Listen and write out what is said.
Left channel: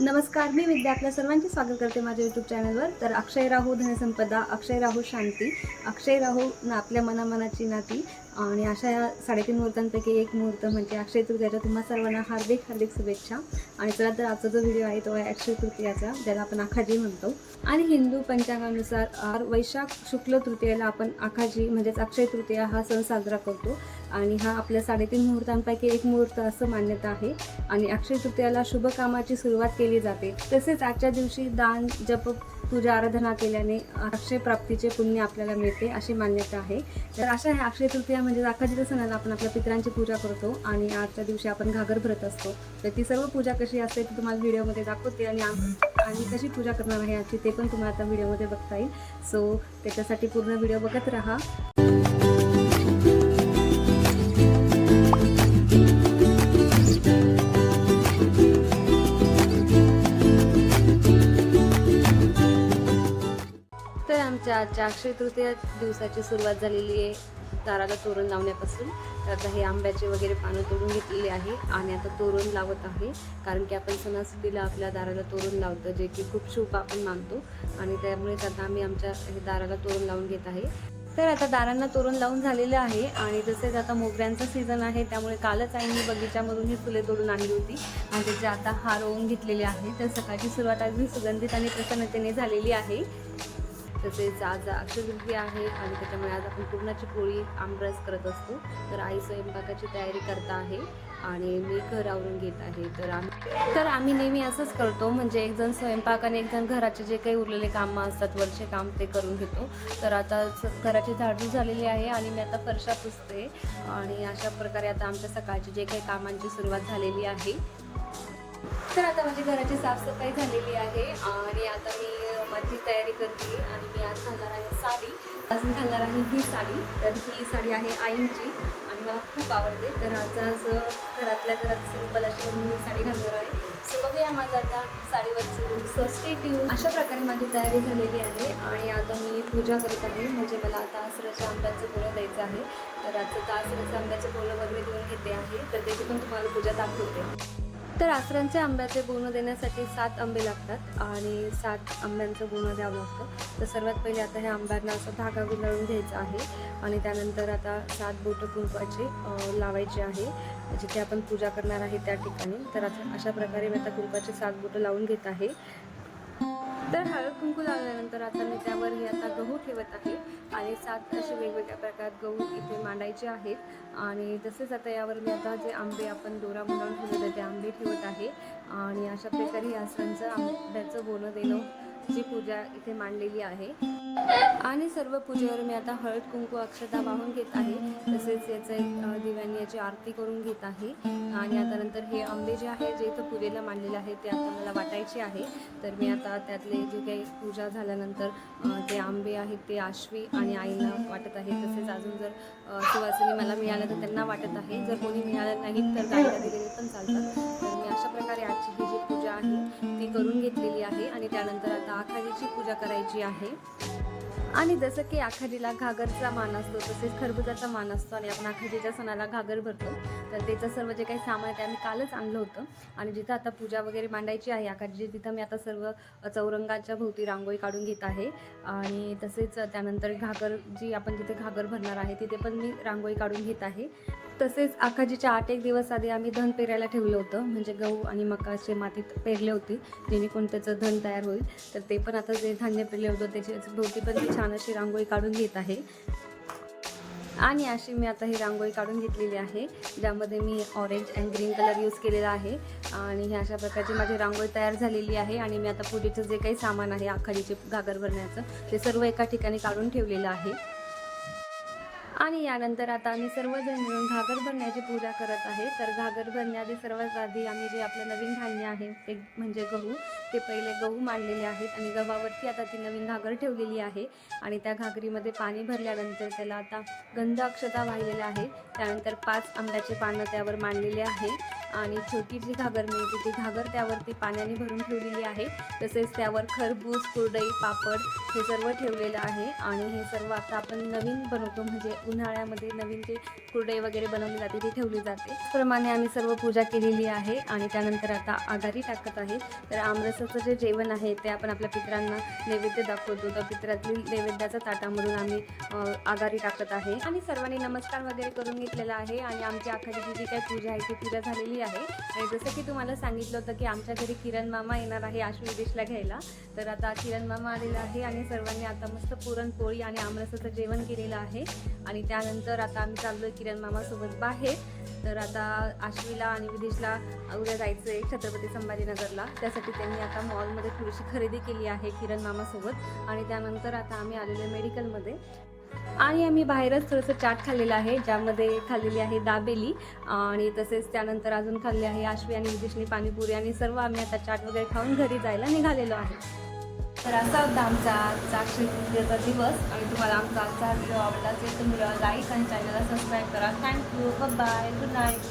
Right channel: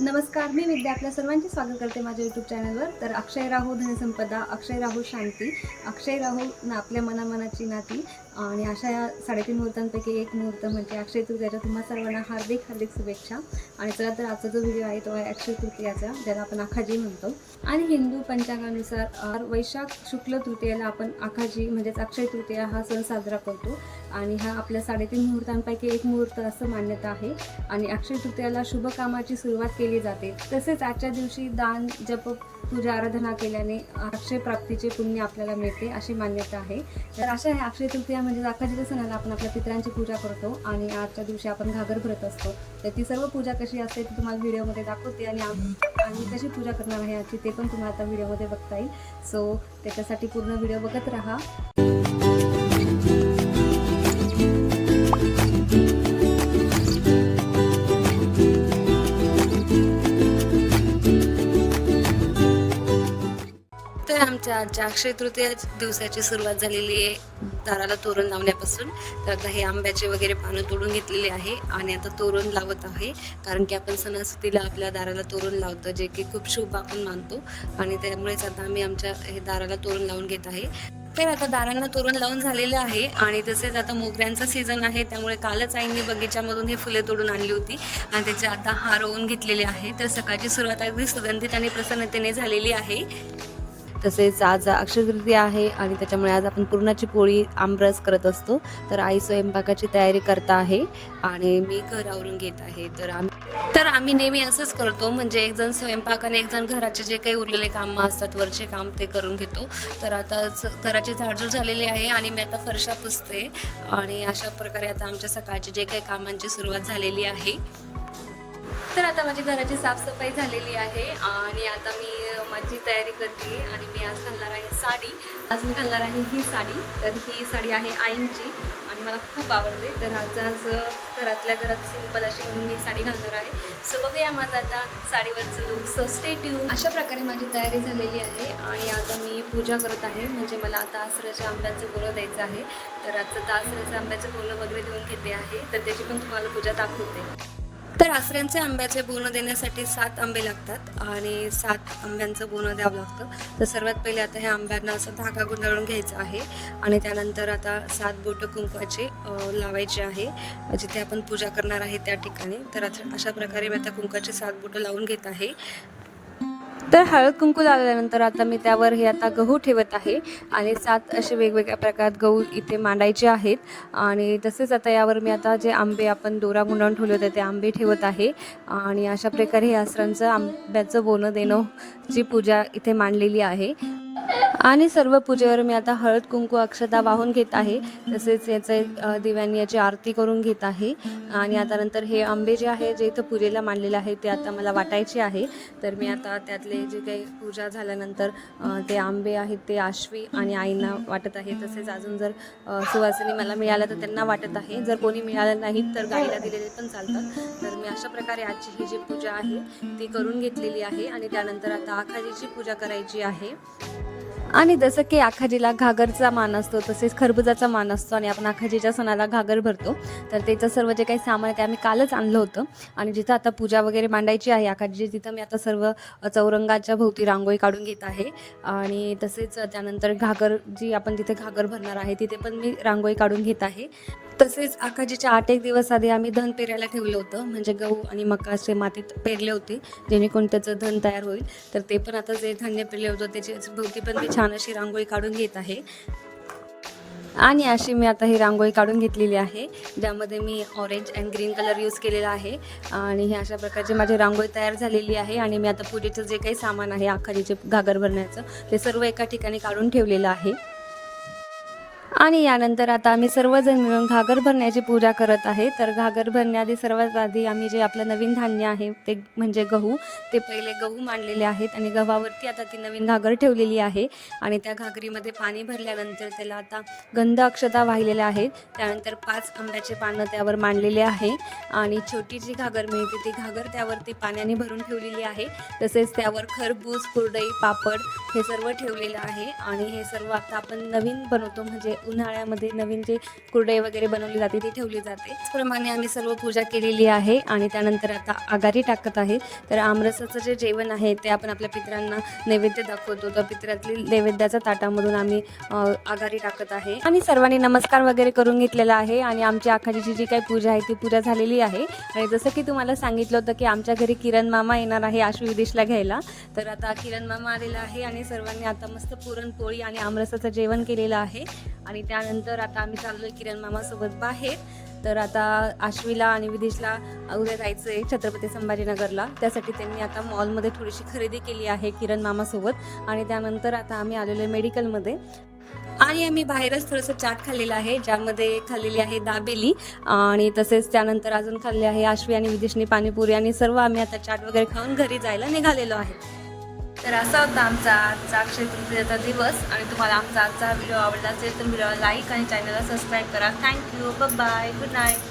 नमस्कार, मी विद्या आपल्या सर्वांचे स्वागत करते माझ्या यूट्यूब चॅनलवर. तर अक्षय राहो धनसंपदा, अक्षय राहो शांती, अक्षय राहो ना आपल्या मनामनाची नाती. आणि अशा या 3.5 मुहूर्तांपैकी एक मुहूर्त म्हणजे अक्षय तृतीयाच्या तुम्हा सर्वांना हार्दिक हार्दिक शुभेच्छा. आणि चला तर आजचा जो व्हिडिओ आहे तो आहे अक्षय तृतीयाचा, ज्याला आपण आखाजी म्हणतो. आणि हिंदू पंचांगानुसार वैशाख शुक्ल तृतीयेला आपण आखाजी म्हणजेच अक्षय तृतीया हा सण साजरा करतो. आणि हा आपल्या 3.5 मुहूर्तांपैकी एक मुहूर्त असं मान्यता आहे. आणि अक्षय तृतीयाला शुभ कामाची सुरुवात केली जाते. तसेच आजच्या दिवशी दान, जप, पूजा आराधना केल्याने अक्षय प्राप्तीचे पुण्य आपल्याला मिळते अशी मान्यता आहे. तर अशा ह्या अक्षय तृतीया म्हणजे आखाजीच्या सणाला आपण आपल्या पितरांची पूजा करतो आणि आजच्या दिवशी आपण घागर भरत असतो. तर ती सर्व पूजा कशी असते ती तुम्हाला व्हिडिओमध्ये दाखवते आणि कशी पूजा करणार आहे याची ते पण तुम्हाला आता व्हिडिओमध्ये बघता येईल. सो त्याच्यासाठी पूर्ण व्हिडिओ बघत राहा. तर आमच्या आजच्या अक्षय तृतीया दिवसाची सुरुवात झालेली आहे दाराला तोरण लावण्यापासून. तर आता हे आंब्याचे वगैरे पानं तोडून घेतलेले आहे आणि आता तोरण लावत आहे. कारण की आपण सणासुदीला आपल्या दाराला तोरण लावतो, जे की खूप शुभ आपण मानतो. आणि त्यामुळेच आता आम्ही आमच्या हे दाराला तोरण लावून घेत आहे. तर आता दारांना तोरण लावून झालेलं आहे. आणि तसेच आता मोगऱ्यांचा सीझन आहे, त्यामुळे कालच आईंनी बगीच्यामधून हे फुले तोडून आणली होती आणि त्याचे आता हार ओवून घेतलेले आहे. तर सकाळची सुरुवात अगदी सुगंधित आणि प्रसन्नतेने झालेली आहे. तसेच आज अक्षय तृतीया आहे आणि त्याच्यामुळे आज आपण पुरणाची पोळी आमरस करत असतो. तर आई स्वयंपाकाची तयारी करता आहे आणि मी घर आवरून घेत आहे. तर आम्ही नेहमी असंच करतो, म्हणजे एक जण स्वयंपाक आणि एक जण घराचे जे काही उरलेले कामं असतात वरचे काम ते करून घेतो. तर आता घराची झाडझूड झालेली आहे आणि मी आता फरशा पुसते. आणि अशा प्रकारे आता आमच्या सकाळची जे काही कामांची सुरुवात झालेली आहे. तर आता माझी घराची साफसफाई झालेली आहे आणि आता मी माझी तयारी करते. आणि मी आज घालणार आहे साडी. आज मी घालणार आहे ही साडी. तर ही साडी आहे आईंची आणि मला खूप आवडते. तर आज घरातल्या घरात सिंपल अशी म्हणून मी साडी घालणार आहे. सो बघूया माझं आता साडीवरचं लुक. So stay tune. अशा प्रकारे माझी तयारी झालेली आहे आणि आता मी पूजा करत आहे. म्हणजे मला आता आसराच्या आंब्याचं बोलं द्यायचं आहे. तर आजचं आसराचं आंब्याचं बोलं वगैरे देऊन घेते आहे. तर त्याची पण तुम्हाला पूजा दाखवते. तर आसऱ्यांचे आंब्याचे बोनं देण्यासाठी 7 आंबे लागतात आणि 7 आंब्यांचं बोनं द्यावं लागतं. तर सर्वात पहिले आता ह्या आंब्यांना असं धागा गुंडाळून घ्यायचा आहे आणि त्यानंतर आता 7 बोटं कुंकवाची लावायची आहे जिथे आपण पूजा करणार आहे त्या ठिकाणी. तर अशा प्रकारे मी आता कुंकवाची 7 बोटं लावून घेत आहे. तर हळद कुंकू लावल्यानंतर आता मी त्यावर हे आता गहू ठेवत आहे आणि 7 असे वेगवेगळ्या प्रकारात गहू इथे मांडायचे आहेत. आणि तसेच आता यावर मी आता जे आंबे आपण दोरा गुंडाळून ठेवले होते ते आंबे ठेवत आहे. आणि अशा प्रकारे हे आसरांचं आंब्याचं बोनं देणं ची पूजा इथे मांडलेली आहे. आणि सर्व पूजेवर मी आता हळद कुंकू अक्षता वाहून घेत आहे. तसेच याचे दिव्यांनी याची आरती करून घेत आहे. आणि आता नंतर हे आंबे जे आहे जे इथं पूजेला मांडलेले आहे ते आता मला वाटायचे आहे. तर मी आता त्यातले जे काही पूजा झाल्यानंतर ते आंबे आहेत ते आश्वी आणि आईंना वाटत आहे. तसेच अजून जर सुवासिनी मला मिळालं तर त्यांना वाटत आहे. जर कोणी मिळालं नाही तर गाईला दिलेले पण चालतात. तर मी अशा प्रकारे आजची ही जी पूजा आहे ती करून घेतलेली आहे. आणि त्यानंतर आता आखाजीची पूजा करायची आहे. आणि जसं की आखाजीला घागरचा मान असतो तसेच खरबुजाचा मान असतो आणि आपण आखाजीच्या सणाला घागर भरतो. तर त्याचं सर्व जे काही सामान आहे ते आम्ही कालच आणलं होतं. आणि जिथं आता पूजा वगैरे मांडायची आहे आखाजीची तिथं मी आता सर्व चौरंगाच्या भोवती रांगोळी काढून घेत आहे. आणि तसेच त्यानंतर घागर जी आपण तिथे घागर भरणार आहे तिथे पण मी रांगोळी काढून घेत आहे. तसेच आखाजीच्या 8 दिवस आधी आम्ही धन पेरायला ठेवलं होतं, म्हणजे गहू आणि मका असे मातीत पेरले होते जेणेकरून त्याचं धन तयार होईल. तर ते पण आता जे धान्य पेरले होतं त्याची भोवती पण मी छान अशी रांगोळी काढून घेत आहे. आणि अशी मी आता ही रांगोळी काढून घेतलेली आहे ज्यामध्ये मी orange and green colour use केलेला आहे. आणि हे अशा प्रकारची माझी रांगोळी तयार झालेली आहे. आणि मी आता पूजेचं जे काही सामान आहे आखाजीचे घागर भरण्याचं ते सर्व एका ठिकाणी काढून ठेवलेलं आहे. आणि यानंतर आता आम्ही सर्वजण मिळून घागर भरण्याची पूजा करत आहे. तर घागर भरण्याआधी सर्वात आधी आम्ही जे आपलं नवीन धान्य आहे ते म्हणजे गहू, ते पहिले गहू मांडलेले आहेत आणि गव्हावरती आता ती नवीन घागर ठेवलेली आहे. आणि त्या घागरीमध्ये पाणी भरल्यानंतर त्याला आता गंध अक्षता वाहिलेल्या आहेत. त्यानंतर 5 आंब्याचे पानं त्यावर मांडलेले आहे. आणि छोटी जी घागर मिळते ती घागर त्यावरती पाण्याने भरून ठेवलेली आहे. तसेच त्यावर खरबूज, कुरडई, पापड हे सर्व ठेवलेलं आहे. आणि हे सर्व आता आपण नवीन बनवतो म्हणजे उन्हाळ्यामध्ये नवीन जे कुरडई वगैरे बनवली जाते ती ठेवली जाते. त्याचप्रमाणे आम्ही सर्व पूजा केलेली आहे आणि त्यानंतर आता आघाडी टाकत आहे. तर आमरसाचं जे जेवण आहे ते आपण आपल्या पितरांना नैवेद्य दाखवतो. तर पितरातील नैवेद्याच्या ताटामधून आम्ही आघाडी टाकत आहे आणि सर्वांनी नमस्कार वगैरे करून घेतलेला आहे आणि आमची आखाडीची जी काही पूजा आहे ती पूजा झालेली आहे. आणि जसं की तुम्हाला सांगितलं होतं की आमच्या घरी किरण मामा येणार आहे आशु विदेशला घ्यायला. तर आता किरण मामा आलेला आहे आणि सर्वांनी आता मस्त पुरणपोळी आणि आमरसाचं जेवण केलेलं आहे. आणि त्यानंतर आता आम्ही चाललोय किरण मामासोबत बाहेर. तर आता आश्वीला आणि विदेशला उद्या जायचं आहे छत्रपती संभाजीनगरला. त्यासाठी त्यांनी आता मॉलमध्ये थोडीशी खरेदी केली आहे किरण मामासोबत. आणि त्यानंतर आता आम्ही आलेलो आहे मेडिकलमध्ये आणि आम्ही बाहेरच थोडंसं चाट खाल्लेलं आहे, ज्यामध्ये खाल्लेली आहे दाबेली आणि तसेच त्यानंतर अजून खाल्ले आहे आश्वी आणि विदेशनी पाणीपुरी. आणि सर्व आम्ही आता चाट वगैरे खाऊन घरी जायला निघालेलो आहे. तर असा होता आमचा आजचा अक्षय तृतीयेचा दिवस. आणि तुम्हाला आमचा आजचा व्हिडिओ आवडला असेल तर व्हिडिओला लाईक आणि चॅनलला सबस्क्राईब करा. Thank you, bye, good night.